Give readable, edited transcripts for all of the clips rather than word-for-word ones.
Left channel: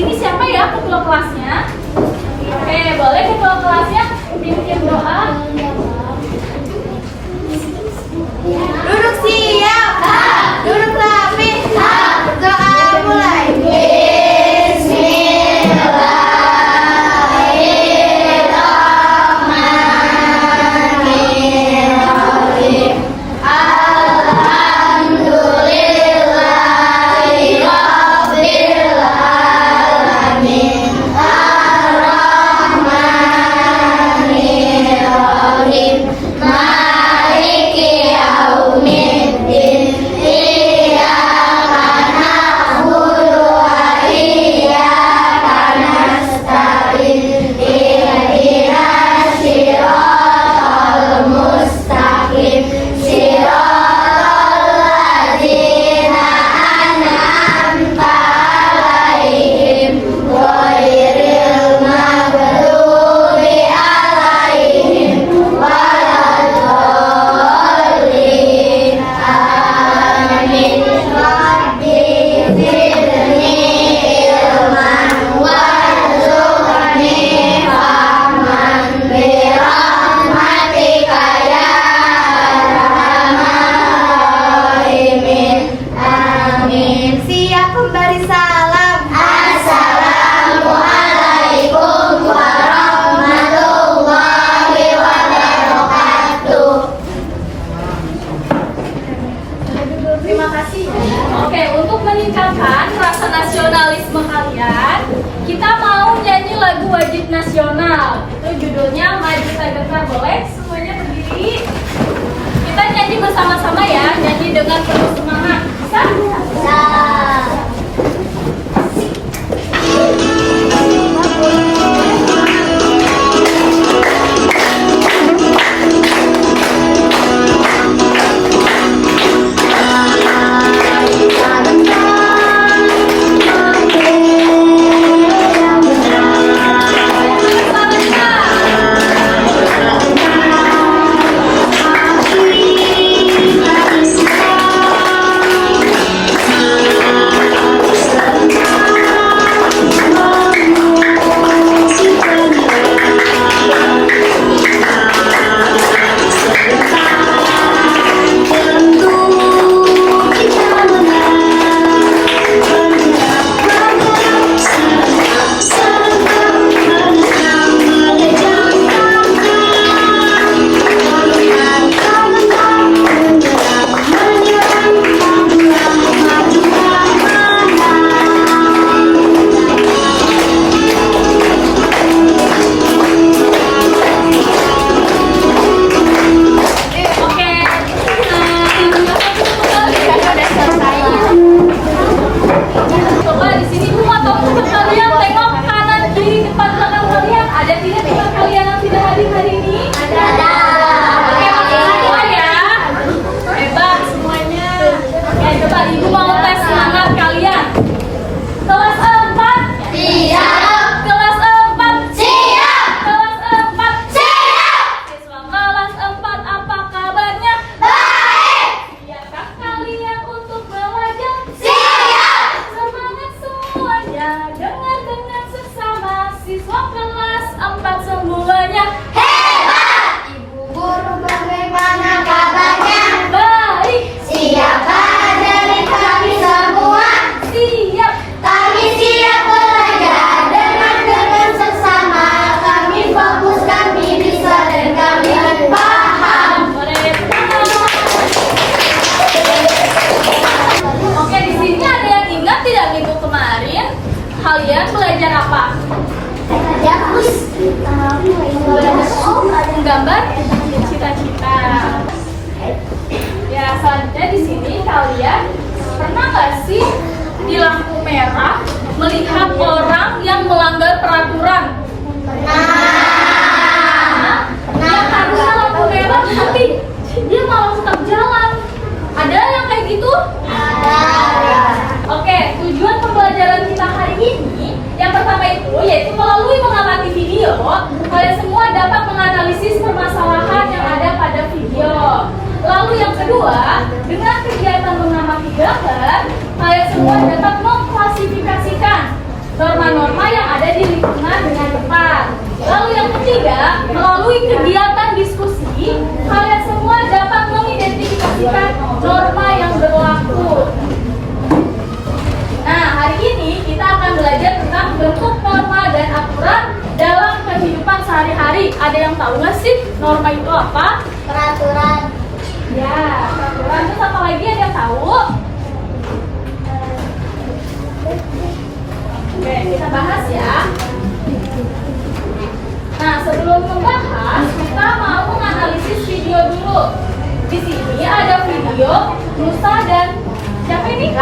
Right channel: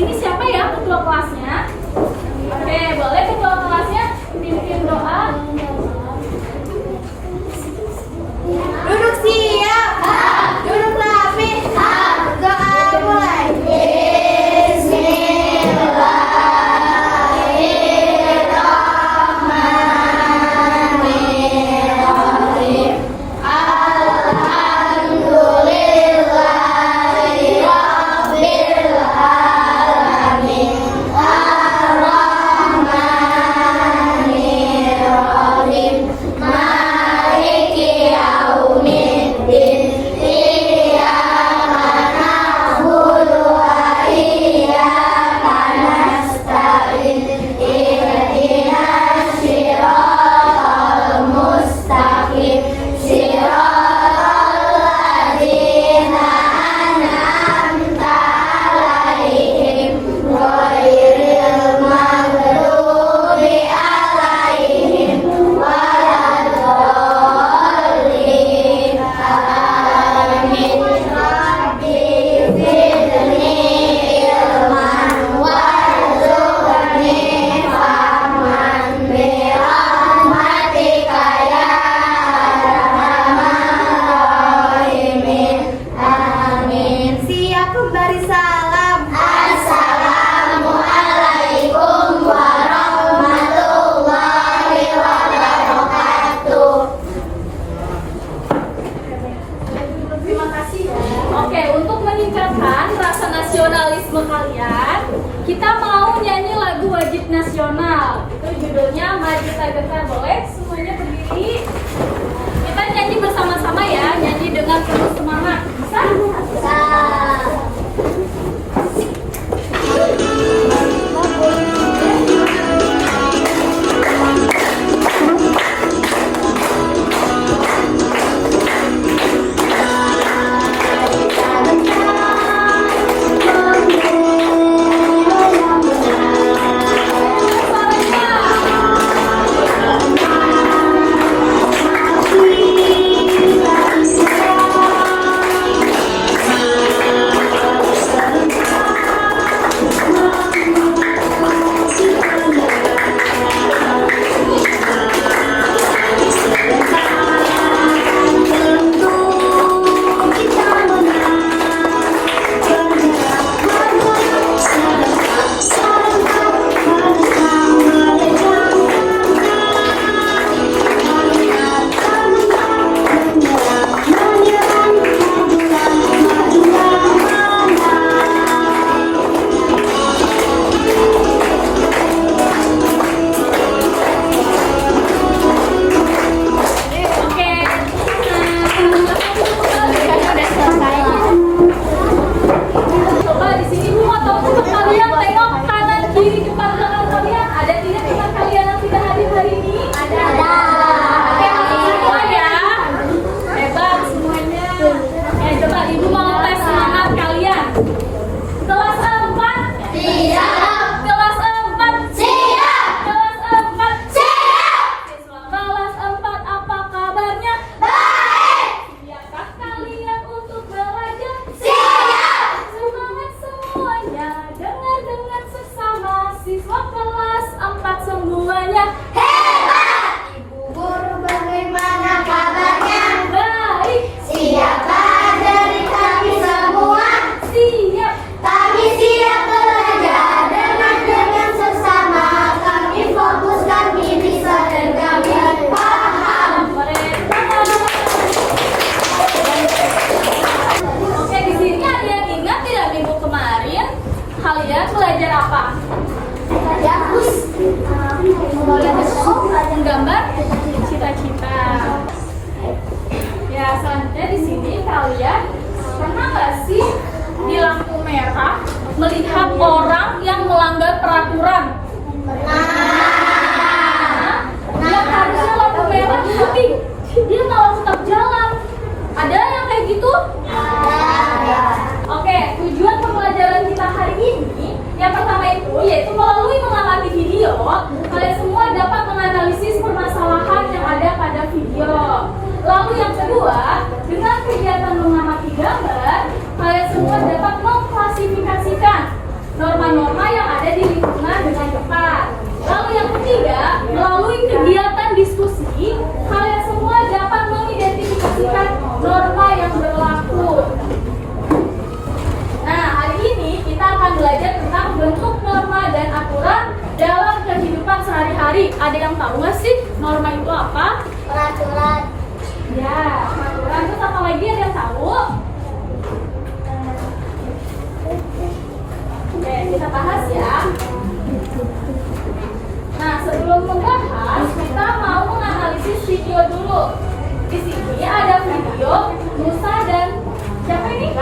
sini siapa ya ketua kelasnya? Oke, boleh ketua kelasnya pimpin doa. Duduk siap. Duduk rapi. Doa mulai. Oke, untuk meningkatkan rasa nasionalisme kalian, kita mau nyanyi lagu wajib nasional. Itu judulnya Maju Tegaklah. Boleh semuanya berdiri. Kita nyanyi bersama-sama ya, nyanyi dengan penuh semangat. Bisa? Bisa. Kalian belajar apa? Menggambar cita-cita. Ya, selanjutnya di sini kalian pernah nggak sih di lampu merah melihat orang yang melanggar peraturan? Yang harusnya lampu merah tapi dia malah tetap jalan. Ada yang kayak gitu? Oke, tujuan pembelajaran kita hari ini yang pertama itu yaitu melalui mengamati video, kalian semua dapat menganalisis permasalahan yang ada pada video. Lalu yang kedua, dengan kegiatan mengamati gambar, kalian semua dapat mengklasifikasikan norma Ada yang tahu nggak sih norma itu apa? Peraturan. Ya, peraturan. Terus apa lagi, ada yang tahu? Oke, kita bahas ya. Nah, sebelum membahas, kita mau menganalisis video dulu. Di sini ada video Nusa dan siapa ini?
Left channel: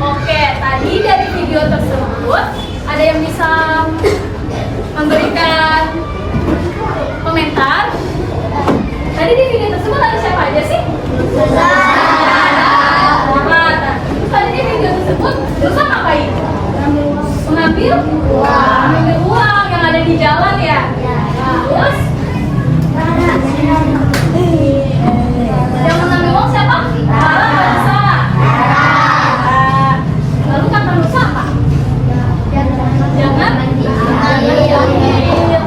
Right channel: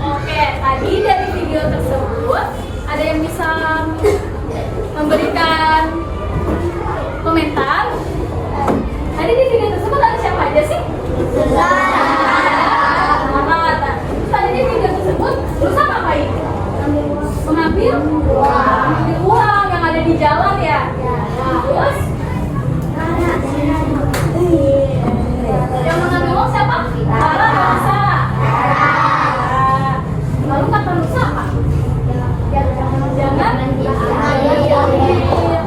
Oke, tadi dari video tersebut ada yang bisa memberikan komentar. Tadi di video tersebut ada siapa aja sih? Tadi di video tersebut Nusa ngapain? Mengambil uang yang ada di jalan ya. Terus yang mengambil uang siapa? Nusa. Lalu kata Nusa apa? Jangan diambil.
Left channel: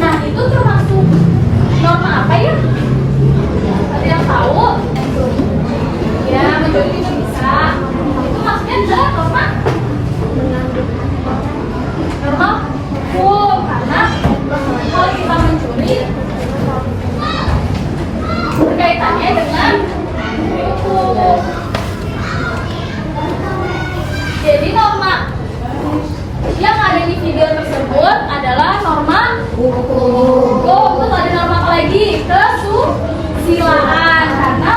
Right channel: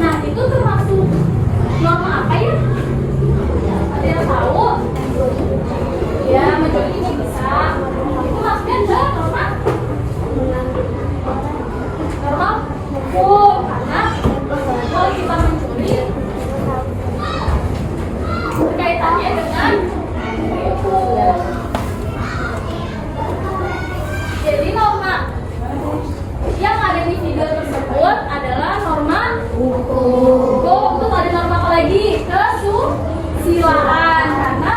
Nah, itu termasuk norma apa ya? Ada yang tahu? Ya, mencuri bisa. Itu maksudnya adalah norma hukum, karena kalau kita mencuri berkaitannya dengan hukum. Jadi norma yang ada di video tersebut adalah norma hukum. Terus ada norma apa lagi? Kesusilaan, karena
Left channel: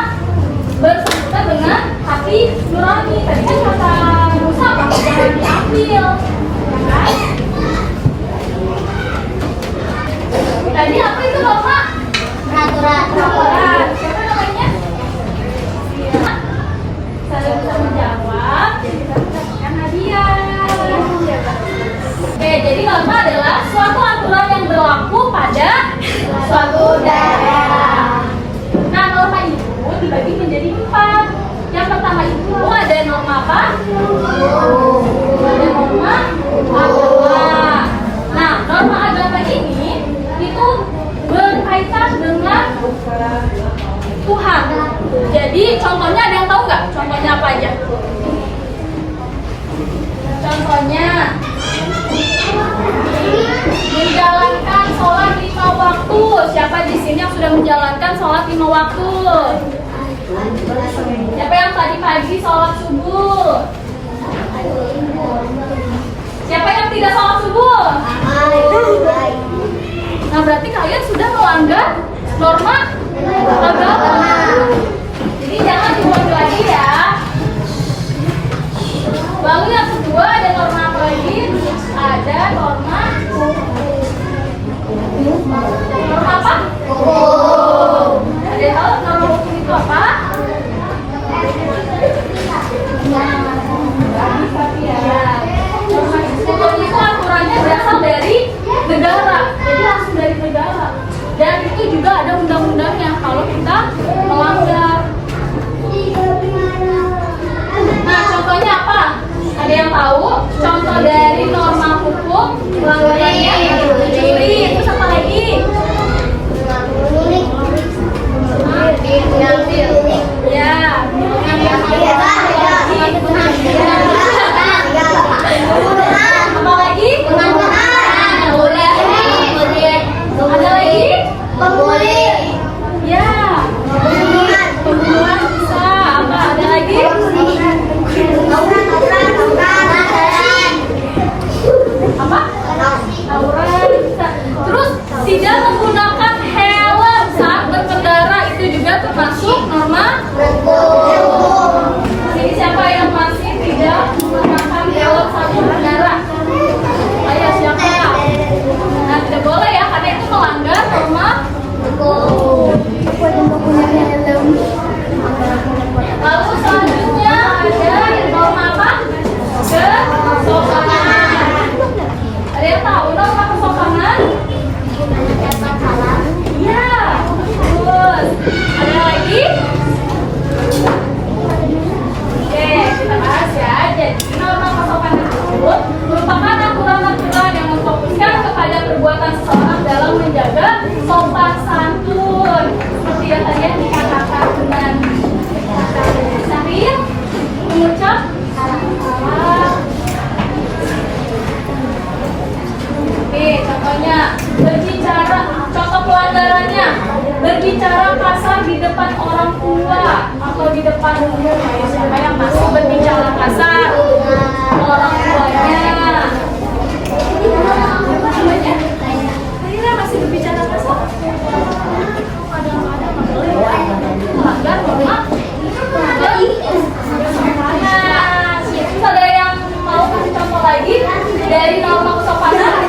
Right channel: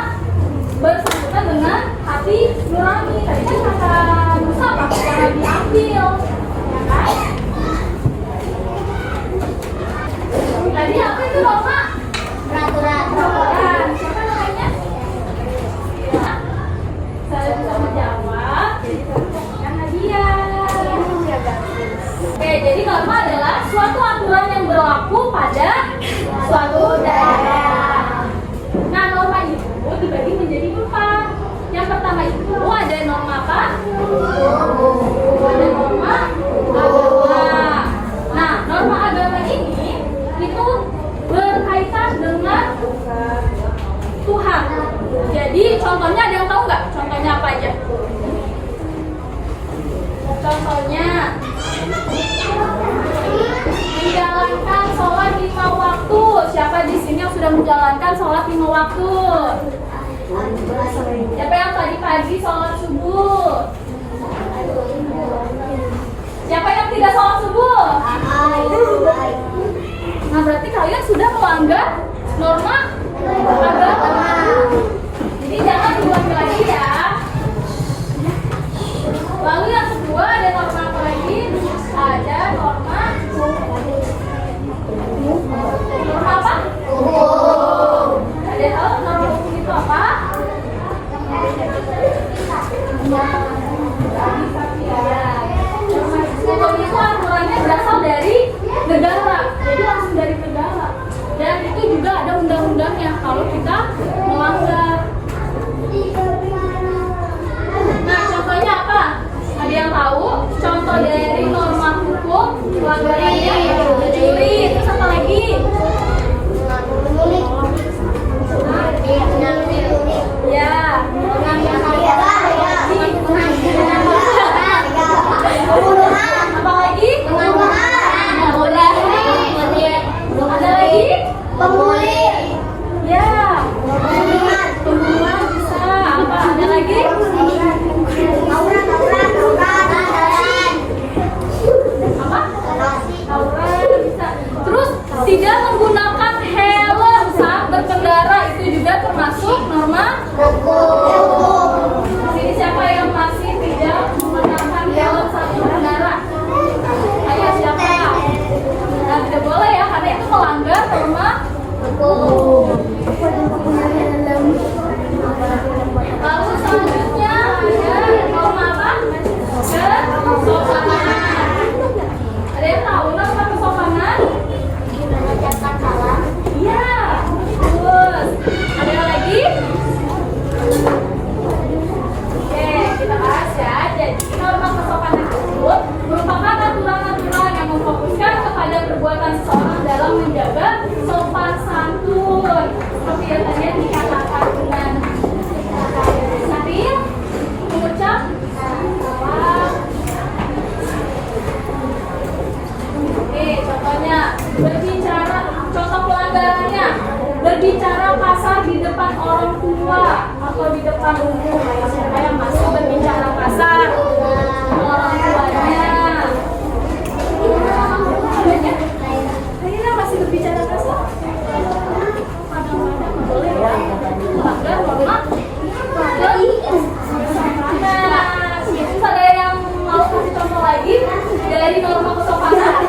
bersangkutan dengan hati nurani. Tadi kan kata Nusa apa? Jangan diambil, ya kan? Tadi apa itu norma? Peraturan. Siapa namanya? Ya. Saya bisa menjawab, jadi saya mendapatkan hadiah. Oke, jadi norma adalah suatu aturan yang berlaku pada suatu daerah. Nah, norma itu dibagi menjadi 4. Yang pertama itu ada norma apa? Ada norma agama. Nah, norma agama ini itu berkaitan dengan Tuhan. Jadi contohnya ada yang tahu nggak? Contohnya apa aja? Contohnya menjalankan sholat 5 waktu. Siapa di sini yang sudah menjalankan sholat 5 waktu? Siapa yang tadi pagi sholat subuh? Siapa yang tidak sholat subuh? Nah, berarti kalian sudah melanggar norma agama. Jadi jangan diulangi lagi ya. Lalu yang kedua ada norma apa lagi? Ada norma apa? Ada hal norma hukum itu apa? Hukum itu aturannya berasal dari negara, jadi langsung dari negara. Dan itu juga ada undang-undangnya kalau kita melanggar. Nah, contohnya apa? Ada yang tahu? Contoh dari norma hukum pelanggarannya mencuri. Terus apa lagi? Ya, apa lagi? Ada lagi? Ya, pembunuhan bisa. Apa? Ada lagi? Apa? Tawuran bisa. Terus tidak menggunakan helm saat berkendara. Ini siapa yang masih tidak mengenakan helm saat berkendara? Ayo siapa? Nah tidak boleh ya karena itu melanggar norma. Lalu selanjutnya ada norma apa? Kesopanan. Ada yang tahu norma kesopanan? Iya, bagus. Ada lagi? Oke, kita bahas ya. Jadi norma kesopanan tersebut merupakan aturan-aturan yang memfokuskan kepada perbuatan seseorang dalam menjaga sopan santun. Seperti yang tadi yang dikatakan dengan Saril, mengucap salam. Oke, contohnya berbicara, contoh pelanggarannya berbicara kasar di depan orang tua atau di depan umum. Siapa yang masih berbicara kasar? Orang tuanya. Akhirnya masih berbicara kasar? Kadang-kadang nggak boleh ya, melanggar norma. Terus ada yang mau kasih contoh lagi dari norma kesopanan?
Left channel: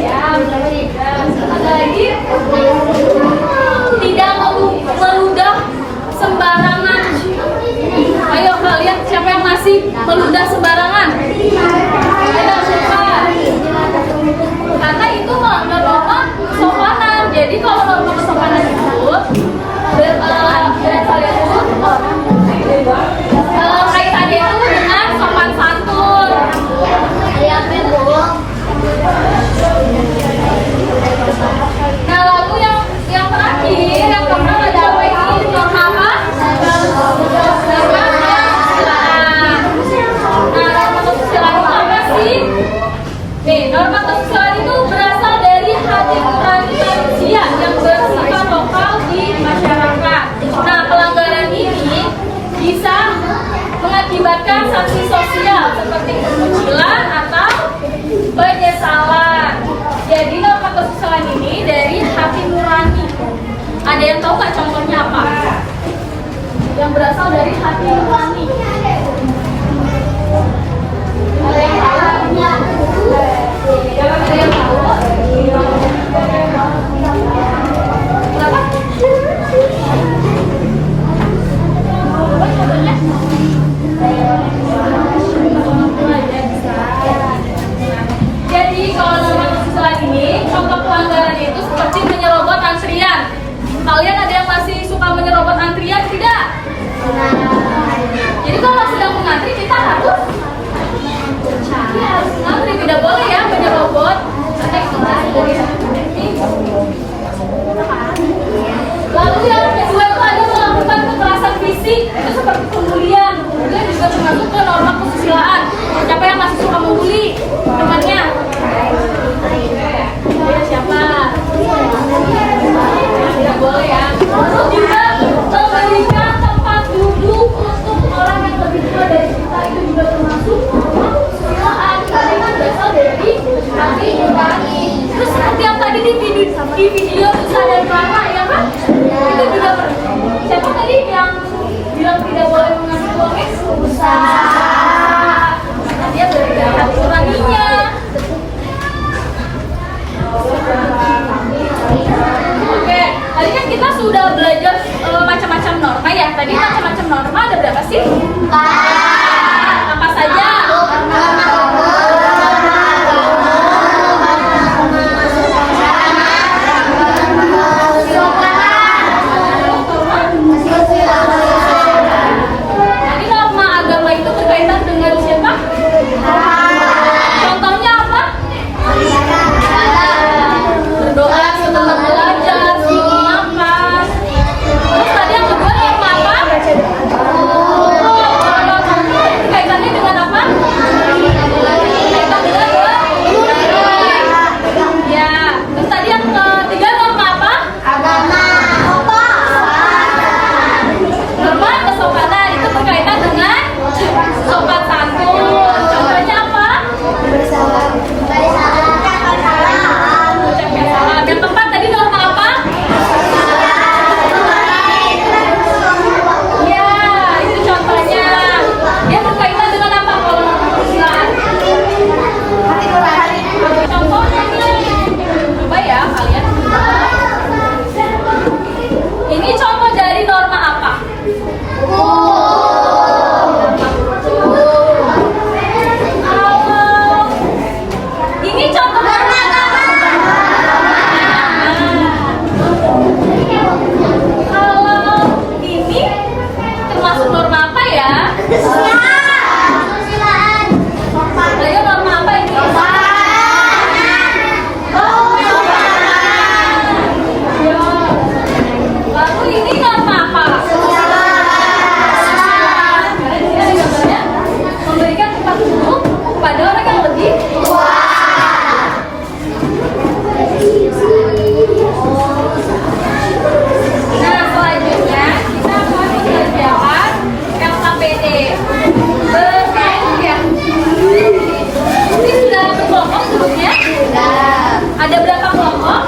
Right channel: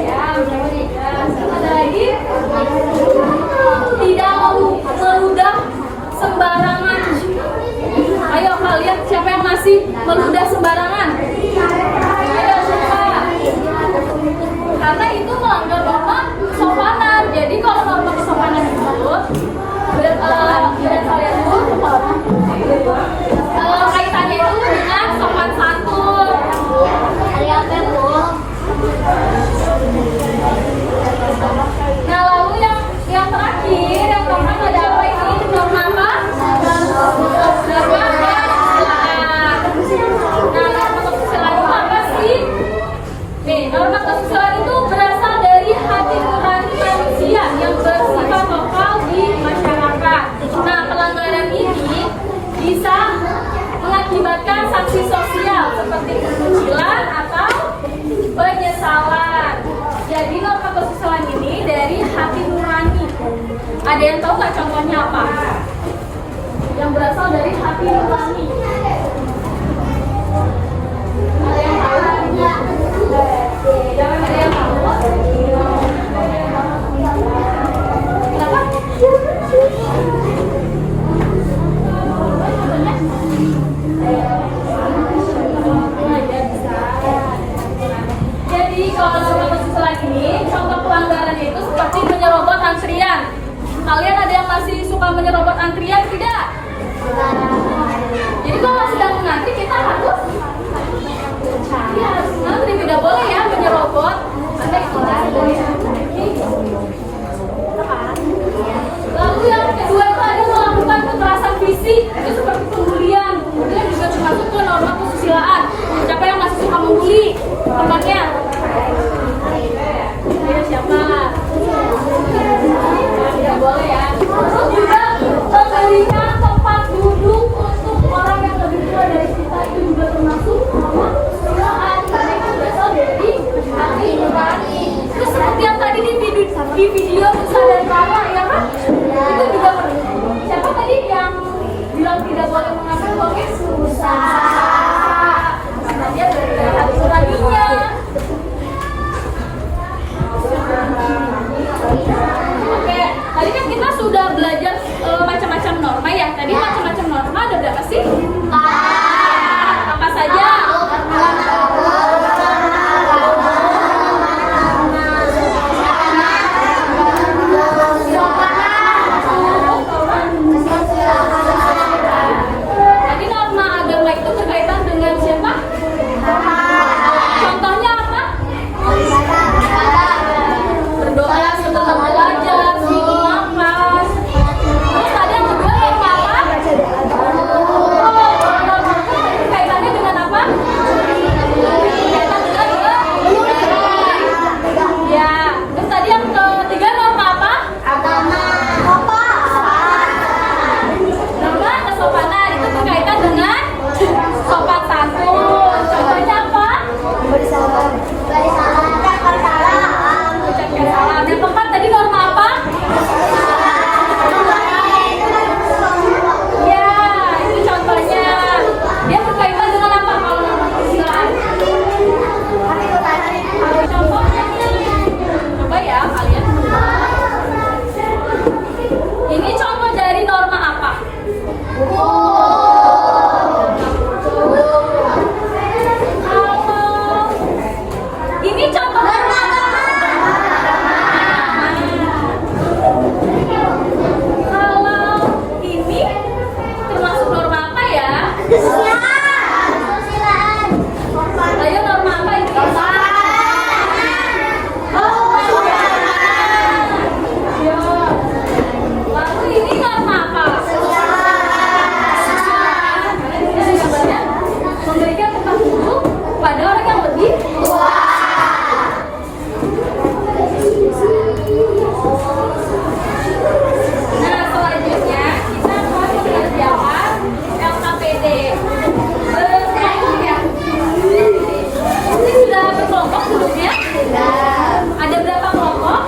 Ya, terus ada lagi tidak meludah sembarangan. Ayo kalian siapa yang masih meludah sembarangan? Ayo siapa? Karena itu melanggar norma kesopanan. Jadi kalau norma kesopanan itu kaitannya itu dengan sopan santun. Nah lalu yang terakhir yang keempat ada apa ini? Norma apa? Norma kesusilaan. Nah norma kesusilaan itu apa sih? Nih norma kesusilaan itu berasal dari hati nurani manusia yang bersifat lokal di masyarakat. Nah pelanggaran ini bisa mengakibatkan sanksi sosial seperti kesucilan atau penyesalan. Jadi norma kesusilaan ini dari hati nurani. Ada yang tahu nggak contohnya apa? Yang berasal dari hati nurani. Ada yang tahu? Ada yang tahu? Kenapa? Jadi kalau norma kesusilaan ini contoh pelanggaran itu seperti menyerobot antrian. Kalian ada yang masih suka menyerobot antrian tidak? Jadi kalau sedang mengantri kita harus ngantri, tidak boleh ya menyerobot karena itu dari. Lalu yang kedua itu ada melakukan kekerasan fisik, itu seperti pembulian. Pembulian juga termasuk ke norma kesusilaan. Siapa yang masih suka membuli temannya? Ya, siapa? Tidak boleh ya. Terus juga memberikan tempat duduk untuk orang yang lebih tua dari kita, itu juga termasuk norma kesusilaan karena itu berasal dari hati nurani. Terus seperti yang tadi di video Nusa dan Rama ya kan? Itu juga siapa tadi yang bilang tidak boleh mengambil logis? Nusa. Karena dia dari hati nuraninya. Oke, tadi kan kita sudah belajar macam-macam norma ya. Tadi macam-macam norma ada berapa sih? Apa saja? Jadi norma agama itu berkaitan dengan siapa? Contohnya apa? Berdoa setelah belajar, sebelum makan. Terus tadi yang kedua norma apa? kelompok duduknya? Ada berapa kelompok?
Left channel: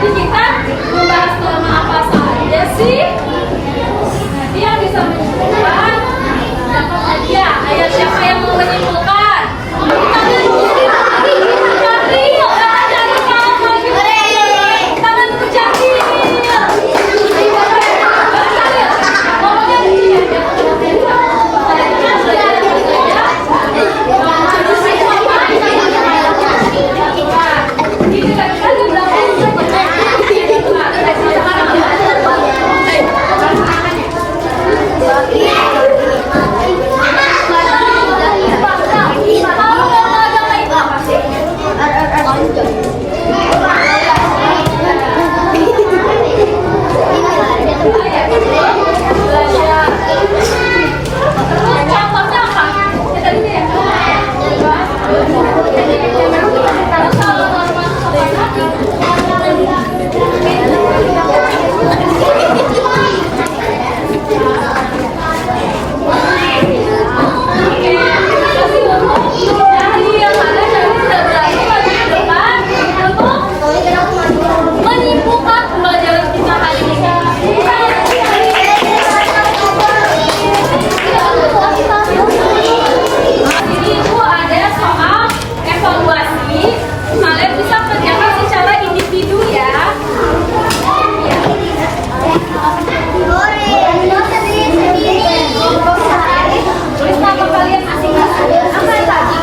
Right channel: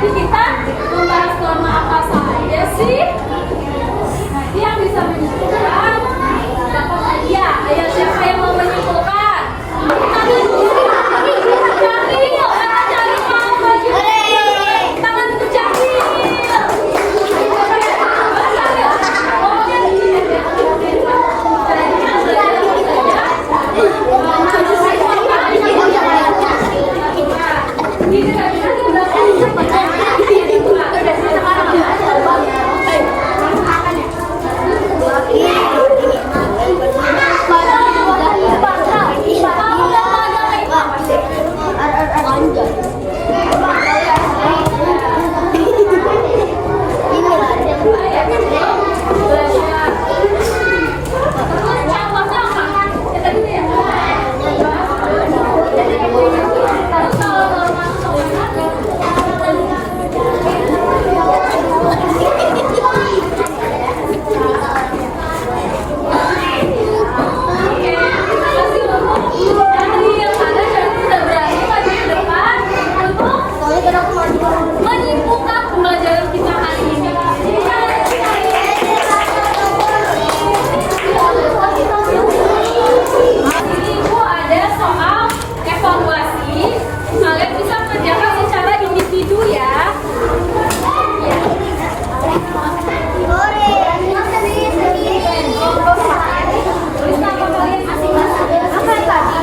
Tadi kita membahas nama apa saja sih? Nanti yang bisa menyimpulkan dapat hadiah. Ayo siapa yang mau menyimpulkan? Tangan kiri, Cakril. Jangan mau lagi. Tangan Cakril. Ngomongnya begini. Menyimpulkan pembelajaran kita hari ini. Ini Ibu ada soal evaluasi. Kalian bisa mengerjakan secara individu ya. Tulis nama kalian masing-masing. Apa yang tadi?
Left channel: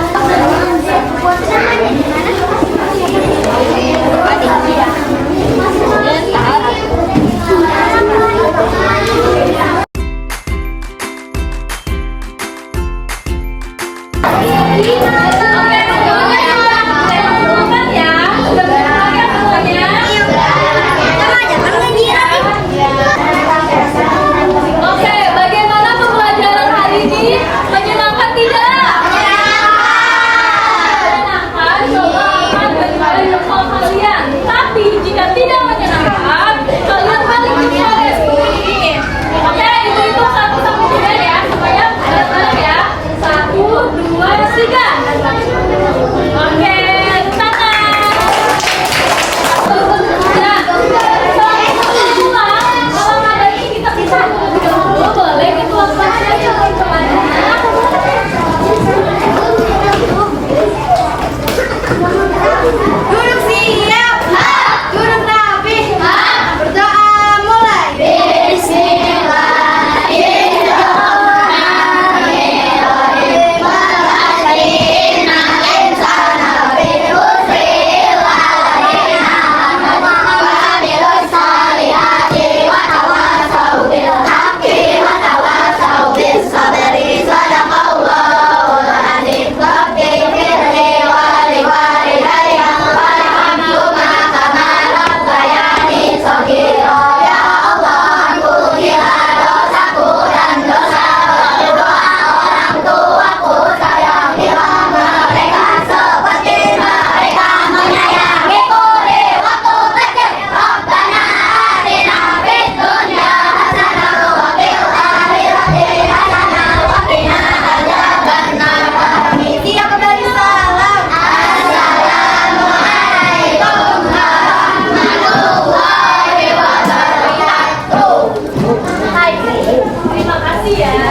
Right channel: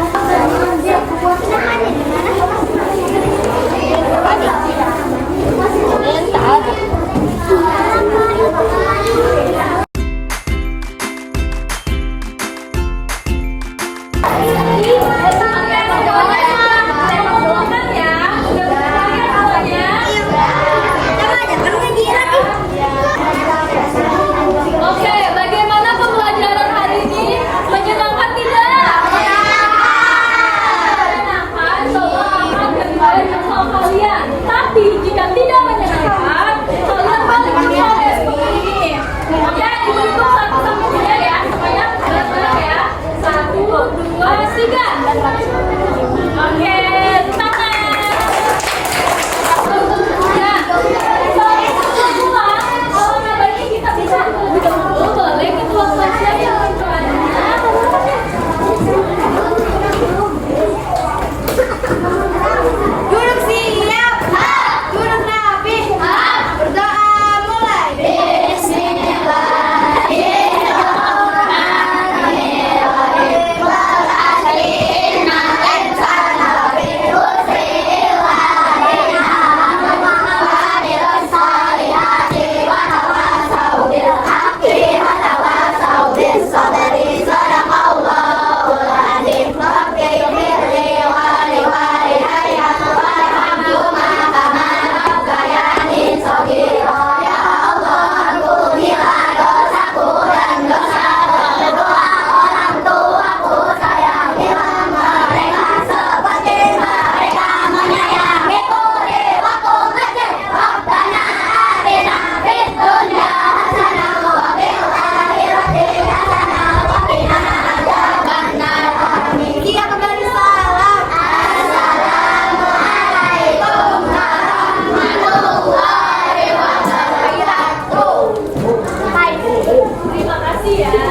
Oke, bagaimana pembelajaran hari ini? Menyenangkan tidak? Menyenangkan, coba akan bagaimana jempol kalian. Tapi jika tidak menyenangkan, kalian balik jempol ya seperti ini. Oke, ibu hitung 1 sampai 3 ya, supaya benar ya. 1, 2, 3. Oke, tangan. Dan kalau nggak ini kita bisa dulu boleh ke kelas saja Duduk siap. Duduk rapi. Berdoa mulai. Terima kasih ya.